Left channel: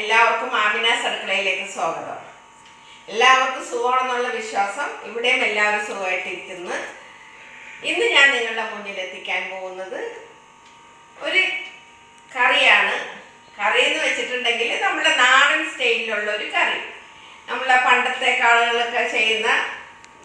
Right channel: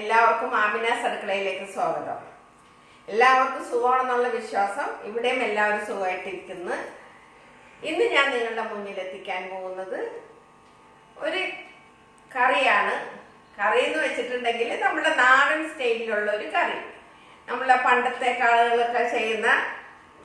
എല്ലാവർക്കും ആമിനാസ് അടുക്കളയിലേക്ക് സ്വാഗതം. എല്ലാവർക്കും സുഖമാണെന്നുള്ള വിശ്വാസം. ഇവിടെയും എല്ലാവരും സുഖമായിട്ടിരിക്കുന്നു. ഇന്ന് ഞാൻ നിങ്ങളുടെ മുന്നിൽ എത്തിക്കാൻ പോകുന്നത് ഒരു കറിയാണ്. കറി എന്ന് വെച്ചിട്ടുണ്ടെങ്കിൽ നമ്മുടെ നാടൻ സ്റ്റൈലിലുള്ള ഒരു കറി. നമ്മളെ പണ്ടത്തെ ആളുകളൊക്കെ ചെയ്യുന്ന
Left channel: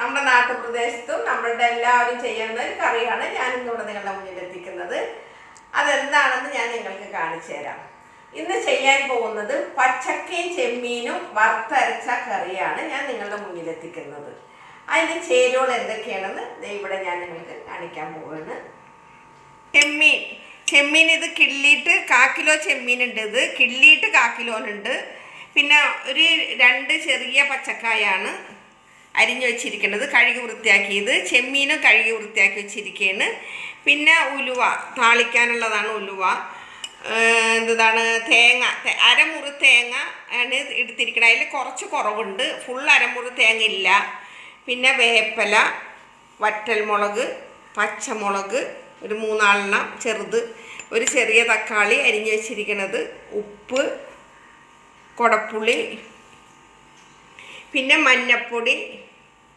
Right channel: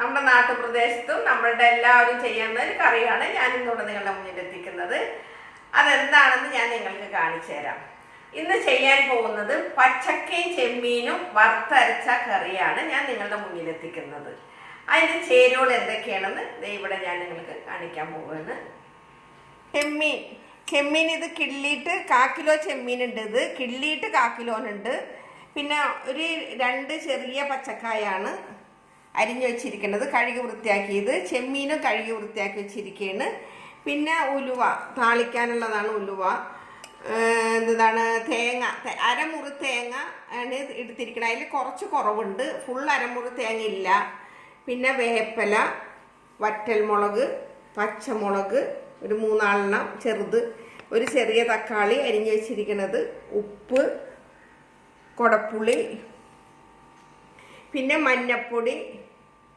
നമ്മുടെ നാട്ടുപ്രദേശത്തും നമ്മളുടെ എല്ലാവരും ചെയ്യുന്ന ഒരു കറിയാണ് ഞാൻ ഇന്നിവിടെ നിങ്ങളുടെ മുന്നിൽ എത്തിക്കുന്നത്. അതെന്താണെന്ന് ഞാൻ നിങ്ങൾക്ക് കാണിച്ചു തരാം. ഇന്ന് ചെയ്യാൻ പോകുന്നത് പച്ചക്കയും ചെമ്മീനും വറുത്തരച്ച കറിയാണ് ഞാൻ നിങ്ങളുടെ മുന്നിൽ എത്തിക്കുന്നത്. അതിൻ്റെ ചേരുവകൾ എന്തൊക്കെയാണെന്ന് ഇവിടെ ഞാൻ നിങ്ങൾക്ക് കാണിക്കാൻ പോവുകയാണ്. ചെമ്മീൻ ഇത് കിള്ളിയിട്ട് 1/4 കിലോ ചെമ്മീനുണ്ട്. ഇത് കിള്ളിയിട്ട് 1/4 കിലോനുണ്ട്. പിന്നെ ഒരു 2 ചെറിയ പച്ചക്കായാണ് അരിഞ്ഞു വെച്ചിരിക്കുന്നത്, കഴുകി വൃത്തിയാക്കിയത്. ചെമ്മീനും കഴുകി വൃത്തിയാക്കി വെച്ചിരിക്കുകയാണ്. പിന്നെ ഉലുവ, താളിക്കാനുള്ളതാണ് ഉലുവ. എന്താണ് തേങ്ങ, അരമുറി തേങ്ങ ആണ് എടുത്തിരിക്കുന്നത്. അതിൽ കുറച്ച് കുറവുണ്ട്, ഫുൾ അരമുറി തേങ്ങ ഇല്ല. പിന്നെ വേപ്പില, വറ്റൽമുളക്, പച്ചമുളക് ഒരു 3-4 ചെറുത്, ഒരു ചെറിയ തക്കാളി അരിഞ്ഞു വെച്ചിരിക്കുന്നത്, ഉപ്പ്, കുടപ്പുളി, പിന്നെ മഞ്ഞൾപ്പൊടി,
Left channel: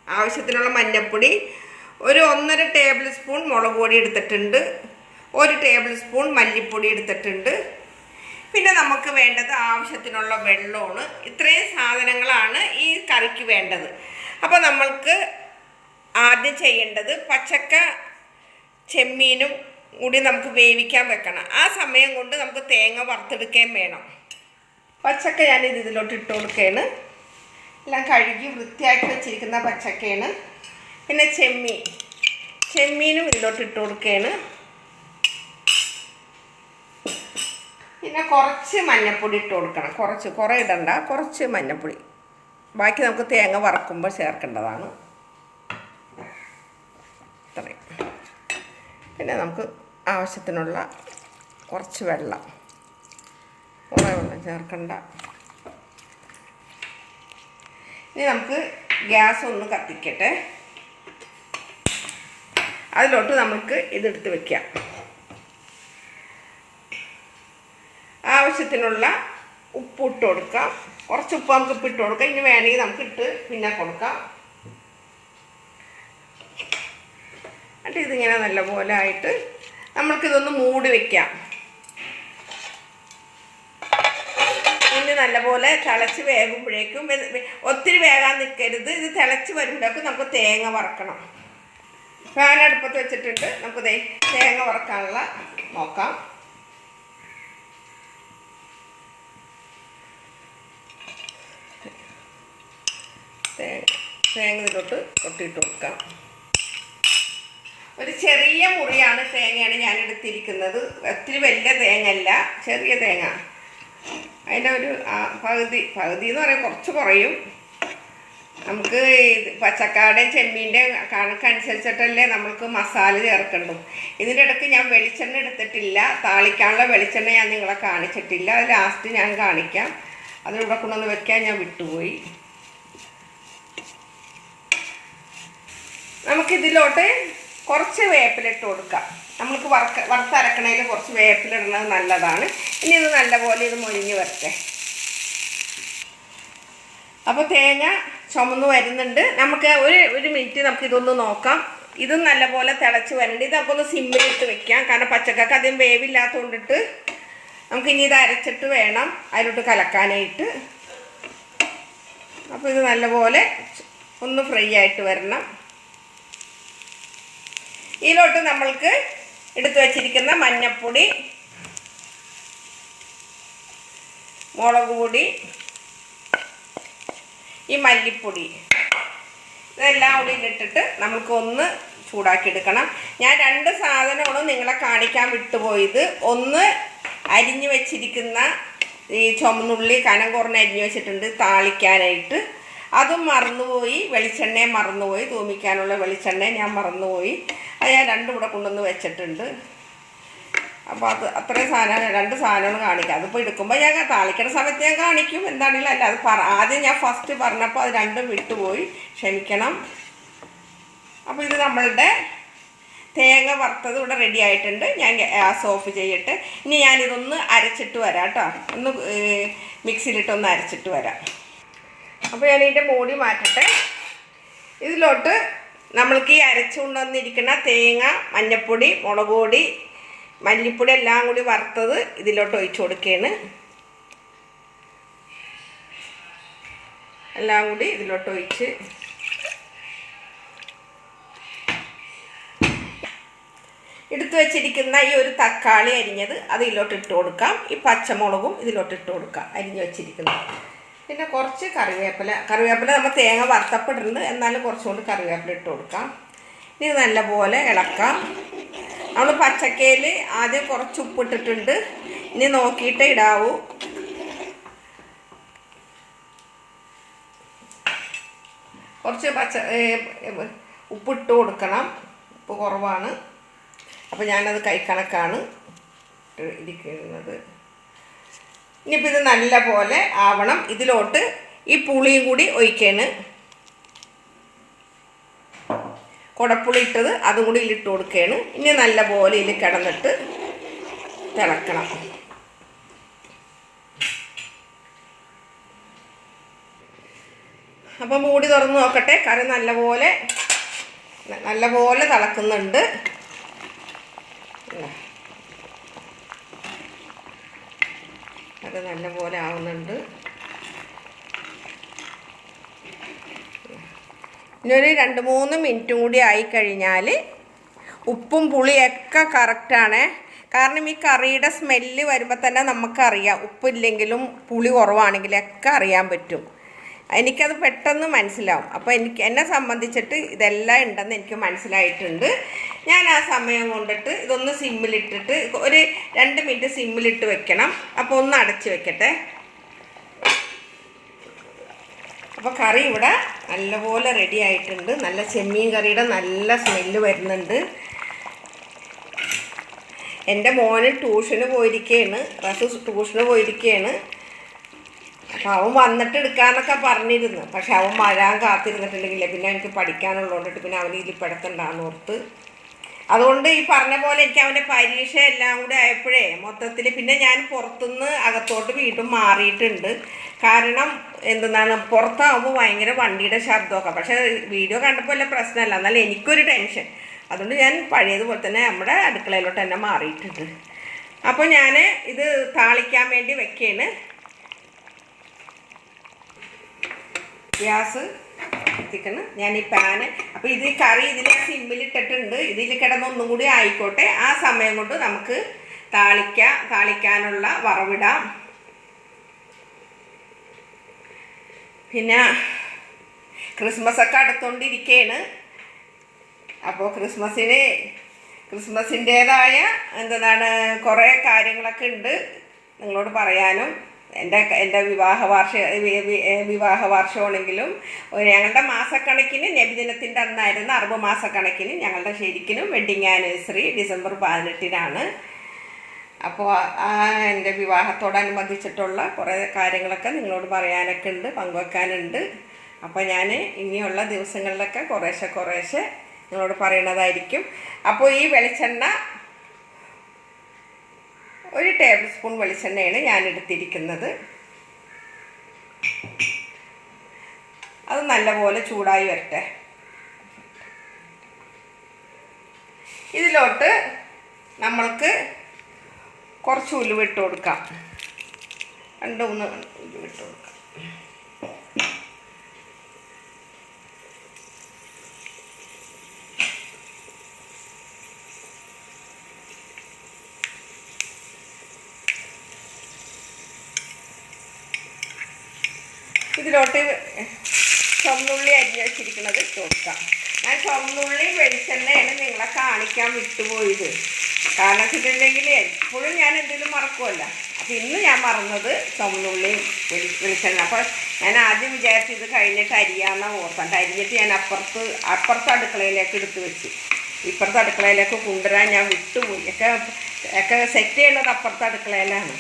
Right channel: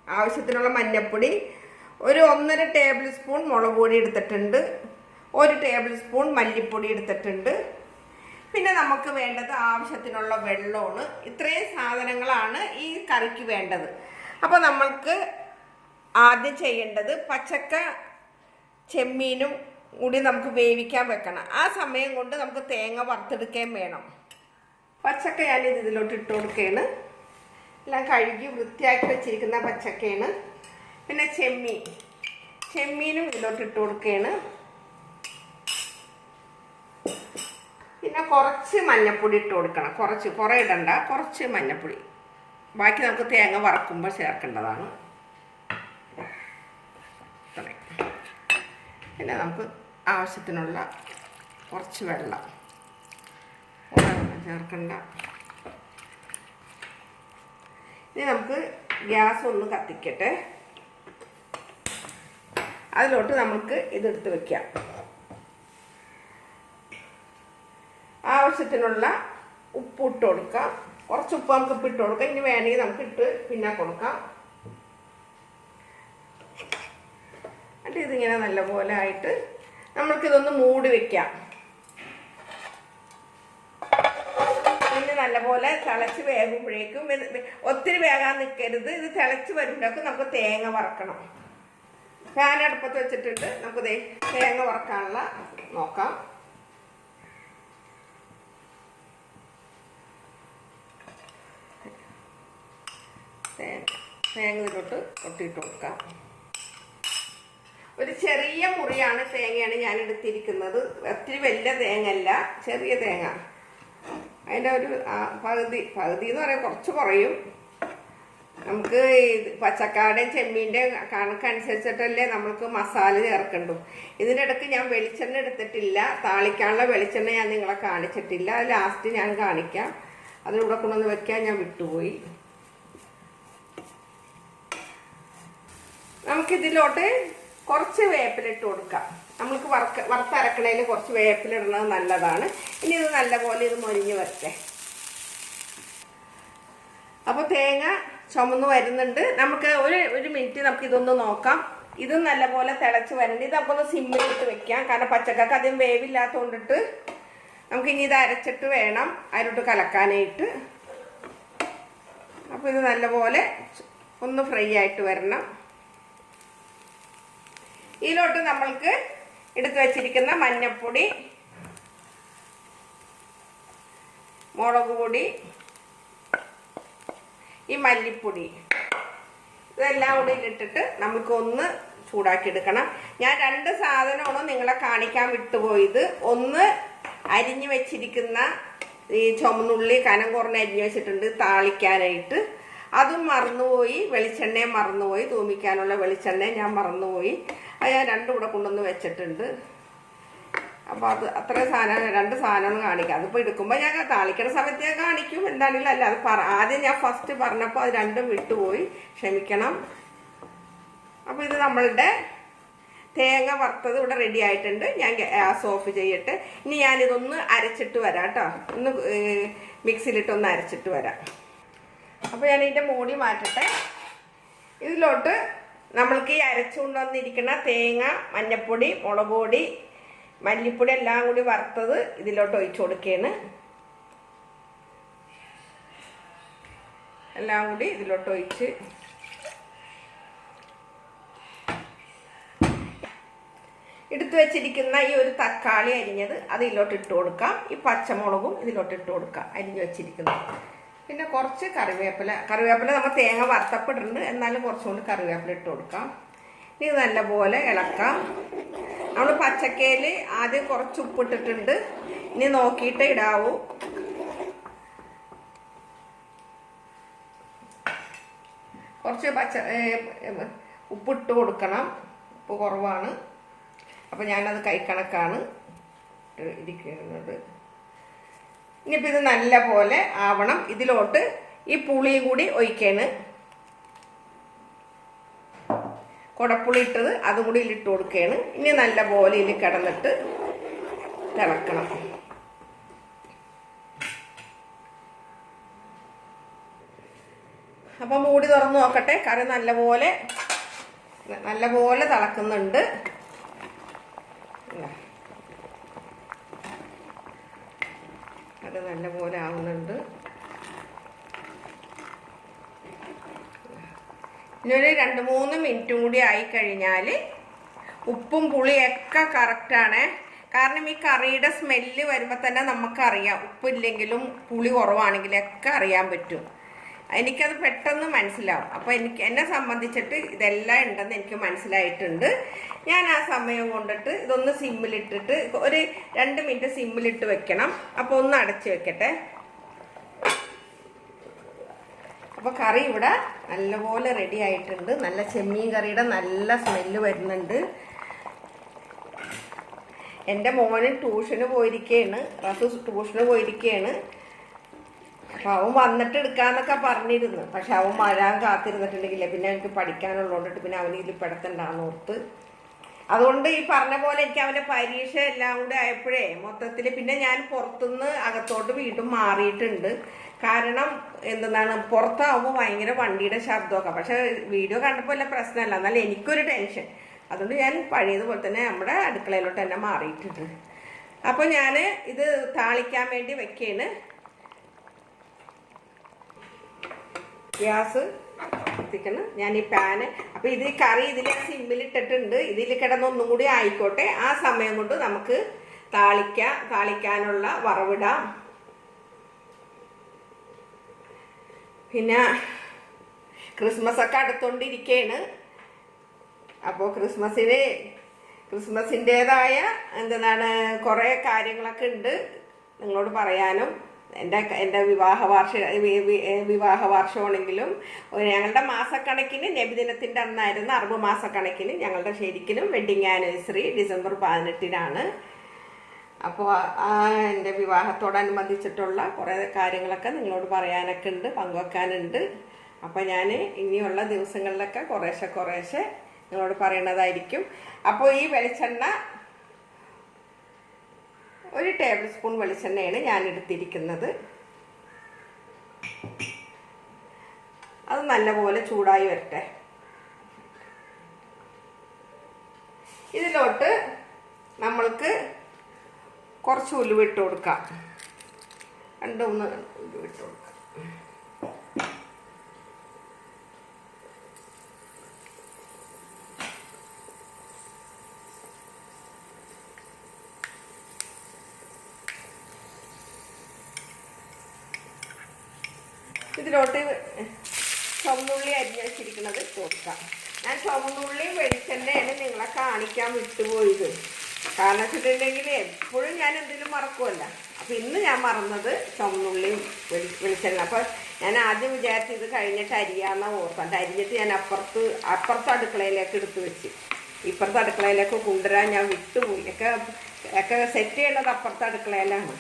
ആവശ്യത്തിനുള്ള മഞ്ഞൾപ്പൊടി, ഒരു 1.5 ടേബിൾ സ്പൂൺ മുളക് പൊടി എടുത്തിട്ടുണ്ട്, 1 ടേബിൾ സ്പൂൺ മല്ലിപ്പൊടി എടുത്തിട്ടുണ്ട്. പിന്നെ നമുക്ക് വേണ്ടത് ആവശ്യത്തിനുള്ള വെള്ളമാണ്. ഇത്രയും സാധനങ്ങളാണ് ഈ കറിക്ക് വേണ്ടത്. അപ്പോൾ നമ്മൾക്ക് ആദ്യം ചെയ്യേണ്ടത് പച്ചക്ക ചെമ്മീനും കൂടി നമുക്ക് വേവിക്കാൻ വെക്കണം. ആ സമയം കൊണ്ട് നമുക്ക് തേങ്ങ വറുത്തെടുക്കുകയും വേണം. പച്ചക്ക ഞാനിത് ഇതിലോട്ട് ഇട്ട് കൊടുക്കുകയാണ്. എല്ലാം കഴുകി വൃത്തിയാക്കി വെച്ചിരിക്കുന്ന പച്ചക്കയാണ്. പിന്നെ ചെമ്മീനും ഇതിലോട്ട് ഇട്ട് കൊടുക്കുകയാണ്. പിന്നെ കുറച്ച് മഞ്ഞൾപ്പൊടി ഇട്ട് കൊടുക്കണം. കുറേ ഇടണ്ട, കുറച്ച് മഞ്ഞൾപ്പൊടി. ബാക്കി നമുക്ക് തേങ്ങ വറക്കുമ്പോൾ ചേർക്കേണ്ടതാണ്. ഇത്രയും. പിന്നെ നമുക്ക് ആവശ്യത്തിനുള്ള കുറച്ച് വെള്ളം, കുറേ വെള്ളം ചേർക്കണ്ട. ഇനി നമുക്ക് ഗ്യാസ് ഒന്ന് കത്തിക്കട്ടെ. അതിലോട്ട് നമുക്ക് ഇതെടുത്ത് വയ്ക്കാം. ആവശ്യത്തിനുള്ള ഉപ്പ് ഇട്ട് കൊടുക്കാം. കുറച്ച് ഉപ്പ് നമുക്ക് ഇട്ട് കൊടുക്കാം. ഇനി വേണമെങ്കിൽ നമുക്ക് ഇട്ട് പിന്നെ കൊടുക്കാം. എന്നിട്ട് ഇതിങ്ങനെ നല്ലപോലെ ആയിട്ട് നമ്മൾക്കിതൊന്ന് മൂടി വയ്ക്കാം. ഇനി നല്ലപോലെ തിളച്ച് വേകുമ്പോഴേക്കും, ഒത്തിരി വേകാൻ നിൽക്കരുത്. ഇത് തിളച്ച് വരുമ്പോഴേക്കും നമുക്ക് തേങ്ങ വറക്കണം. ഫാൻ അടുപ്പത്ത് വെച്ചിട്ടുണ്ട്. നമുക്ക് തേങ്ങ വറക്കാനുള്ള നോക്കാം. തേങ്ങ ഇതിലോട്ട് കൊട്ടിയിട്ട് കൊടുക്കാം. ഒരു ചെറിയ മുറിയാണ് തേങ്ങയാണ് ഞാൻ എടുത്തിരിക്കുന്നത്. ഒത്തിരി വലിയ തേങ്ങ അല്ല, ചെറിയ തേങ്ങ. അതിൻ്റെ ഒരു പകുതി എന്ന് പറയാൻ കുറച്ച് കുറയും. നമുക്ക് പച്ചക്കാടേയും ചെമ്മീൻ്റെയും കണക്കനുസരിച്ചിട്ടല്ലേ നമുക്ക് മസാല ചേർക്കണ്ടു. ഇതിൻ്റെ ഇടയ്ക്ക് ഞാൻ വെളിച്ചെണ്ണ എടുത്തിട്ടില്ല. താളിക്കാനുള്ള വെളിച്ചെണ്ണ ഞാൻ നിങ്ങളെ കാണിച്ചിട്ടില്ല. അത് ലാസ്റ്റ് ഞാൻ കാണിക്കാം. അതിലൂടെ കൊണ്ടൊന്ന് വെക്കാൻ ഞാൻ വിട്ടുപോയി. നമുക്കിതിലോട്ട് കുറച്ച് വേപ്പില ഇട്ട് കൊടുക്കാം. നമുക്ക് വറുത്തരക്കണയിൽ കുറച്ച് വേപ്പില ഇടുന്നത് നല്ലതാണ്. ഇനി ഇത് നല്ലപോലെ ഇത് മൊരിഞ്ഞ് വരട്ടെ. അപ്പോൾ തേങ്ങ ചുമന്ന് വരുന്നുണ്ട്. നമുക്ക് ഒരു മിനിറ്റ് നമുക്ക് ഇതൊന്ന് നോക്കാം. ഇതും നല്ലപോലെ തിളച്ച് വരണ്ട്. ഇത് നമുക്കൊന്ന് സിമ്മിലിട്ട് വെക്കാം. കാരണം പച്ചക്കറിക്ക് അധികം വേവില്ലാത്തതുകൊണ്ടിട്ട് നമുക്കിനി ഇത് അരച്ചിട്ട് വേണം അതിലോട്ട് കലക്കാനായിട്ട്. അപ്പോൾ ഇത് നല്ലപോലെ ഒന്ന് ഫ്രൈ ആയിട്ട് വരണം. ഇതിലോട്ട് നമ്മൾക്ക് എടുത്തു വച്ചിരിക്കുന്ന മഞ്ഞൾപ്പൊടി, മുളക് പൊടി, ഈ മല്ലിപ്പൊടി, ഇതെല്ലാം കൂടി ഇട്ടിട്ട് നമുക്കൊന്ന് ചൂടാക്കി എടുക്കണം. ഞാൻ 2 സാധനമാണ് നിങ്ങളെ കാണിക്കാൻ വിട്ടുപോയത്. ഒന്ന് അരിഞ്ഞു വെച്ചിരിക്കുന്ന ഈ ചുമന്നുള്ളി കനം കുറഞ്ഞ് അരിഞ്ഞു വെച്ചിട്ടുണ്ട് താളിക്കാനായിട്ട്. അതും മറന്നുപോയി. വെളിച്ചെണ്ണയും മറന്നുപോയി. തൂമിക്കാനുള്ള വെളിച്ചെണ്ണയും ഞാൻ മറന്നുപോയി. അത് ഞാൻ 2 കൂടെ കൊണ്ടുവന്ന് വെച്ചിട്ടുണ്ട്. അപ്പോൾ അത് അത്രയും സാധനം 2 സാധനങ്ങൾ കാണിക്കാം. അതിപ്പോൾ എടുക്കുമ്പോൾ ഞാൻ താളിക്കുന്ന സമയത്ത് ഞാൻ കാണിക്കും. എന്താണെങ്കിലും അല്ല, അത് ആദ്യം ഞാൻ ഫസ്റ്റ് പറഞ്ഞപ്പോൾ അത് 2 വിട്ടുപോയി, ക്ഷമിക്കണം. അപ്പോൾ ഇത് നമ്മളുടെ തേങ്ങ വറുത്തത് ഇവിടെ റെഡി ആയിട്ടുണ്ട്. ഞാൻ ഗ്യാസ് ഓഫ് ചെയ്യട്ടെ. ഇനി ഞാനിതൊന്ന് അരച്ചിട്ട് വരാം കേട്ടോ. ഒന്ന് മിക്സിയിലിട്ടൊന്ന് അരച്ചിട്ട് വരാം. അപ്പോൾ ഞാൻ ഇതിൻ്റെ മൂടി മാറ്റട്ടെ. ഇതിലോട്ട് നമ്മൾക്ക് ഈ അരച്ചു കൊണ്ടുവന്നിരിക്കുന്ന തേങ്ങ, മഞ്ഞൾപ്പൊടി, മുളക് പൊടി, മല്ലിപ്പൊടി എല്ലാം കൂടി വറുത്തത് ഇതിലോട്ട് ഒഴിച്ചു കൊടുക്കുകയാണ്. എല്ലാം കൂടി ഇതിലോട്ട് ഒഴിച്ച് എടുത്തു വെച്ചിരിക്കുന്ന ഈ ഒരു തക്കാളി അരിഞ്ഞത് അത് ഇതിലോട്ട് ഇട്ട് കൊടുക്കാം. ഈ പച്ചമുളകും ഇതിലോട്ട് ഇട്ട് കൊടുക്കാം, അരിഞ്ഞ് വെച്ചിരിക്കുന്നത്. പിന്നെ കുറച്ച് കറിവേപ്പില നമ്മൾ തേങ്ങ വറുത്തപ്പെട്ടിരുന്നു, എന്നാലും കുറച്ചുകൊണ്ട് കറിവേപ്പില ഇട്ട് കൊടുക്കാം. ഇനി നല്ലപോലെ ഇളക്കാം. നമ്മൾ പച്ചക്കയിൽ ആദ്യം കുറച്ച് ഉപ്പിട്ടിട്ടുണ്ട്. ഇനി നോക്കിയിട്ട് ഇടാവൂ. കുറച്ച് ഉപ്പിട്ട് കൊടുക്കണം. ഉപ്പ് കുറവാണ്, അപ്പോൾ ഞാനത് കൈക്കണക്കാണ് ഇരിക്കുന്നത്. ഇനിയിപ്പോൾ ഇത് നല്ല പോലെ ആവണം. ഇതിലോട്ട് ഈ പുളിയും കൂടി ഒഴിക്കാണ്. കുടപ്പുളി ഇട്ടത് അതും കൂടി ഇതിലിട്ട് കൊടുക്കുകയാണ്. ഇനി നല്ല പോലെ ഇതിൽ കിടന്നിട്ട് തിളക്കണം. അപ്പോൾ മൂടി തുറന്ന് നോക്കട്ടെ. കറി നല്ലപോലെ തിളക്കുന്നുണ്ട്. അത് നല്ലപോലെ ആവുന്നുണ്ട്. ഇനിയൊരു 2-3 മിനിറ്റ് കൂടി ആയിക്കഴിഞ്ഞാൽ ഉപ്പും പുളിയൊക്കെ കറക്റ്റാണ്. കാരണം ഈ കറിയുടെ സ്മെല്ല് വരുമ്പോൾ തന്നെ നമുക്കറിയാം ഉപ്പില്ലെങ്കിലും പുളി കുറവാണെങ്കിലൊക്കെ അറിയാൻ പറ്റും. എനിക്കത് പെട്ടെന്ന് മനസ്സിലാവും. അപ്പോൾ എന്നെ സംബന്ധിച്ചിട്ട് ഇതെല്ലാം ഉണ്ടെന്ന് എനിക്ക് മനസ്സിലായിട്ടുണ്ട്. ഞാൻ ആ സമയം കൊണ്ടിട്ട് ഇതൊന്ന് സിമ്മിലിട്ടിട്ട് ഒരു 2 മിനിറ്റ് സിമ്മിലിട്ട് വെക്കണം. അപ്പോൾ ഒന്ന് അടച്ച് വെക്കട്ടെ. അപ്പോൾ കറി ഇവിടെ നല്ലപോലെ റെഡി ആയിട്ടുണ്ട്. നല്ല ചെമ്മീൻ കറിയുടെ നല്ല സ്മെല്ല് വരുന്നുണ്ട്. എൻ്റെ മോന് ട്യൂഷന് പോയിരിക്കുകയാണ്. ട്യൂഷന് പോയിരിക്കുകയാണ്. അവൻ വന്നിട്ട് എടുക്കാമെന്നൊക്കെ പറഞ്ഞിരുന്നു. പക്ഷെ അവൻ വരാൻ കാത്തിരുന്നിട്ടുണ്ടെങ്കിൽ പിന്നെ എനിക്ക് പഠിക്കാനുള്ളതുകൊണ്ടിട്ട് പിന്നെ അവന് ഇതിൽ പെടുത്തണ്ടാന്ന് ഓർത്ത്. അതുകൊണ്ട് ഈ പറഞ്ഞ പോലെ എനിക്ക് അവൻ്റെ പരീക്ഷ എല്ലാം കൂടെ ആയപ്പോഴേ മൊത്തത്തിൽ പിന്നെ ഞാൻ പുറത്തുനിന്ന് അകത്തോട്ട് വീണ്ടും മാറിയിട്ടുണ്ട്. കാരണം എന്തെന്നാണ്, പുറത്താവുമ്പോൾ ഭയങ്കര വണ്ടിയുടെ ശബ്ദമൊക്കെ. പക്ഷേ വീഡിയോ കണ്ടപ്പോൾ വല്ല പ്രശ്നമല്ല, എന്നാലും എനിക്കൊരു ടെൻഷൻ. അതുകൊണ്ട് ഞാൻ പഴയതുപോലെ തന്നെ നമ്മുടെ അടുക്കളയിലോട്ട് തന്നെ മാറിയിട്ടുണ്ട്. അപ്പോൾ ഞാൻ ഇത് താളിക്കാൻ വേണ്ടി വെക്കുകയാണ്. ഗ്യാസ് എത്തിക്കണം ഞാൻ ഈ പാന്. അപ്പോൾ ഇത് കറി ഇതിൽ സിമ്മിലിട്ടിട്ടുണ്ട്. ഇതിൽ കിടന്നൊന്നും കൂടി ആയിക്കോട്ടെ. ആ സമയം കൊണ്ട് നമുക്ക് താളിക്കാനുള്ള വറവിടാം. പിന്നെ ക്രിസ്മസൊക്കെ അടുത്തോണ്ടിരിക്കുകയാണ്. അപ്പോൾ ക്രിസ്മസിൻ്റേതായ കുറേ കാര്യങ്ങളൊക്കെ ഉണ്ട് നിങ്ങളോട് പറയാനും. എൻ്റെ വിവാഹ വാർഷികമാണെങ്കിലും ഞങ്ങളുടെ മാസക്കണക്കിന് നബിദിനത്തിൻ്റെ അന്നായിരുന്നു. അറബ് മാസക്കണക്കിന് ഞങ്ങളുടെ ശരിക്കും വെഡ്ഡിങ് ആനിവേഴ്സറി ഡിസംബർ 18-നാണ്. അപ്പോൾ എൻ്റെ വിവാഹത്തോടനുബന്ധിച്ചിട്ടുള്ള കുറേ കാര്യങ്ങളൊക്കെ നിങ്ങളോട് പറയാനൊക്കെ ഉണ്ട്, പങ്കുവെക്കാനുണ്ട്. അപ്പോൾ ഞാൻ ഇനിയുള്ള ദിവസങ്ങളിലൊക്കെ കുറേശ്ശെ നിങ്ങളോട് പറയുന്നതായിരിക്കും. അപ്പോൾ ഈ വെളിച്ചെണ്ണ 1 ടേബിൾ സ്പൂൺ വെളിച്ചെണ്ണയാണ് ഞാൻ എടുത്തിരിക്കുന്നത്. അത് നല്ലപോലെ ചൂടായി വരട്ടെ. ഇതിലോട്ട് നമ്മൾക്ക് കുറച്ച് ഉലുവിട്ട് കൊടുക്കാം. 2-3 ഉലുവിട്ട് കൊടുക്കാം. ഇതിലോട്ട് ചുവന്നുള്ളി അരിഞ്ഞ് വെച്ചിരിക്കുന്നത് ഇട്ട് കൊടുക്കാം. ഞാൻ ചുവന്നുള്ളി വെളിച്ചെണ്ണയാണ് നിങ്ങളെ കാണിക്കാൻ വിട്ടുപോയത്. കാരണം വെച്ചിട്ടുണ്ടെങ്കിൽ എപ്പോഴും ഞാൻ എന്തെങ്കിലും മറക്കുമല്ല. അപ്പോൾ ഇന്ന് ഞാൻ മറന്നത് ചുവന്നുള്ളിയും വെളിച്ചെണ്ണ. അപ്പോൾ ഞാൻ ആദ്യം വിചാരിച്ച് ഇത് കഴിഞ്ഞിട്ട് അരിയാന്ന് ഓർക്കണ്ട. അരിഞ്ഞിട്ട് ഞാൻ അപ്പുറത്തെ അടുക്കളയിലേക്ക് എടുത്ത് വെച്ച് ഇപ്പുറത്തെ അടുക്കളയിലേക്ക് കൊണ്ടുവരാൻ ഞാൻ വിട്ടുപോയി. ഒക്കെ സെറ്റ് ചെയ്യേണ്ടത് അപ്പുറത്തെ അടുക്കളയിലാണ്.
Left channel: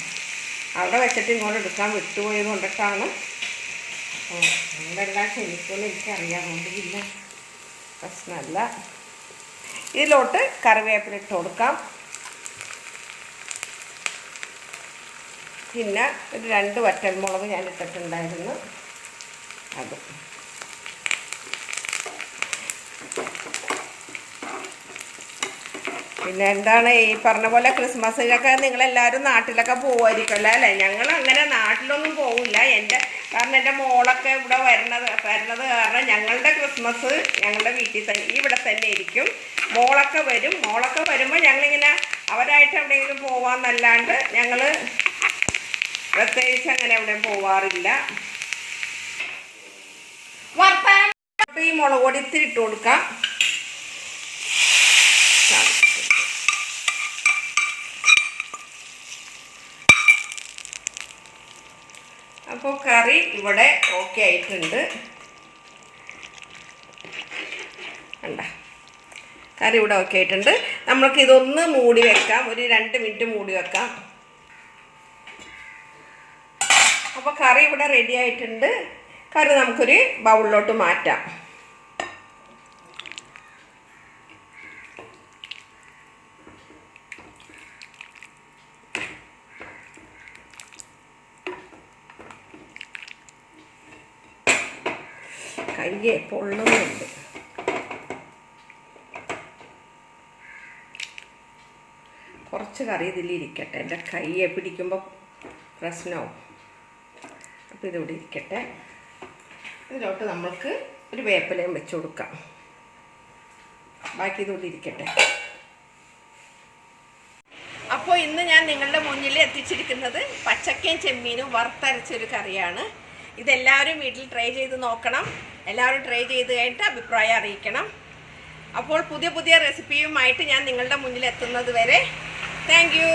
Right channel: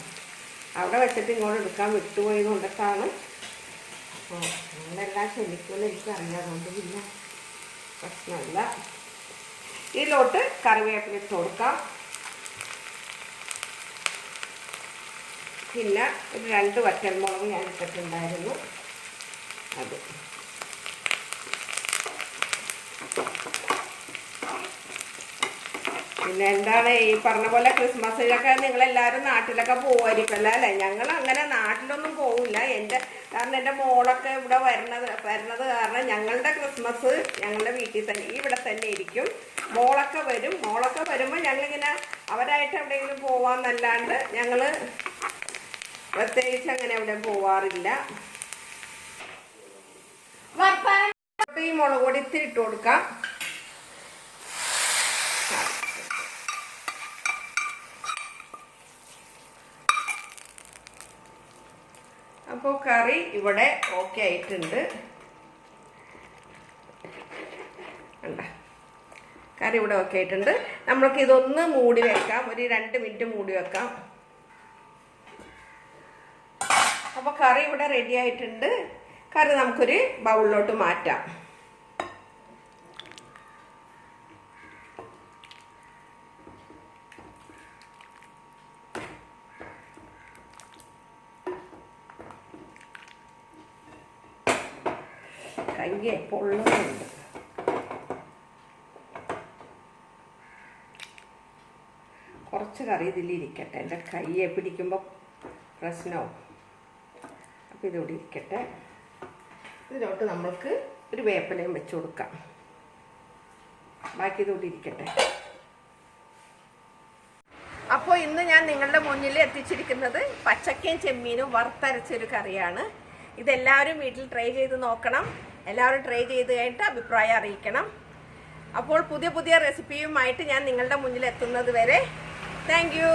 അവിടെ വെച്ചിട്ട് ഇങ്ങോട്ട് എടുക്കാൻ വിട്ടുപോയത് കൊണ്ടിട്ടാണ്. നിങ്ങളെല്ലാം ക്ഷമിക്കുമെന്ന് എനിക്കറിയാം, അതുകൊണ്ട് പിന്നെ പ്രശ്നമല്ല. ഇതിലോട്ട് കറിവേപ്പില ഇട്ട് കൊടുക്കാം. പിന്നെ ഒരു 2 വറ്റൽമുളക് ഞാൻ ഇട്ടിട്ടുണ്ടായിരുന്നു, അത്. പിന്നെ എന്താണ് ഈ പറഞ്ഞ പോലെ ക്രിസ്മസിലൊക്കെ നിങ്ങളെല്ലാവരും നാട്ടിലൊക്കെ പോകുമായിരിക്കുമല്ലോ അല്ലേ? ഞങ്ങൾ അങ്ങനെ നാട്ടിലൊന്നും പോകില്ല. കാരണം എൻ്റെ മോളൊക്കെ ഇവിടെ വരുന്നത് കാരണം ഞങ്ങളുടെ ക്രിസ്മസ് ഞങ്ങളുടെ വീട്ടിൽ തന്നെ ഇവിടെ തന്നെ ഇരിക്കും. മോളൊക്കെ വരുമ്പോൾ ഞങ്ങളിങ്ങനെ അവരായിട്ട് എവിടെയെങ്കിലും പോവാന്നല്ലാണ്ട് ഞങ്ങൾ പ്രത്യേകിച്ച് അങ്ങനെ എവിടെയും പോവാറില്ല. ഈ മുളക് പൊടി ഇത്തിരി ഇട്ട് കൊടുക്കാം. അപ്പോൾ കറി ഇവിടെ ഓക്കെ ആയിട്ടുണ്ട്. കറി ഇവിടെ ഓക്കെ ആയിട്ടുണ്ട്. നമ്മൾക്ക് ഇതൊന്ന് മൂടി വെക്കാം, ഒരു 2 മിനിറ്റ് മൂടി വെക്കാം. അപ്പോൾ കറി ഇവിടെ റെഡി ആയിട്ടുണ്ട്. കറി നമുക്കൊരു ബൗളിലോട്ട് മാറ്റാം. കയ്യെ പൊള്ളുന്നുണ്ട്. കുറച്ച് കറി ഇതിലിരിക്കട്ടെ, എൻ്റെ കയ്യെ പിടിക്കുമ്പോൾ പ്രശ്നമാവും. അപ്പോൾ ഇതിവിടെ ഇരിക്കട്ടെ. ഇതിലോട്ട് നമ്മൾക്ക് ഒരു വേപ്പിലയും വെച്ച് കൊടുക്കാം. ബാക്കി ഇതിവിടെ ഇരിക്കട്ടെ. അപ്പോൾ ഇന്ന് ഞാൻ നിങ്ങളുടെ മുന്നിൽ എത്തിച്ചിരിക്കുന്നത് പച്ചക്കയും ചെമ്മീനും വറുത്തരച്ചൊരു കറിയാണ്. ഇതെല്ലാവരും വീട്ടിൽ ട്രൈ ചെയ്ത് നോക്കണം. എല്ലാവരും ട്രൈ ചെയ്ത് കഴിഞ്ഞിട്ട് അഭിപ്രായം അറിയിക്കണം. അപ്പോൾ പുതിയ റെസിപ്പിയുമായിട്ട് ഞാൻ നിങ്ങളുടെ മുന്നിൽ എത്തുന്നത് വരെ താങ്ക് യു.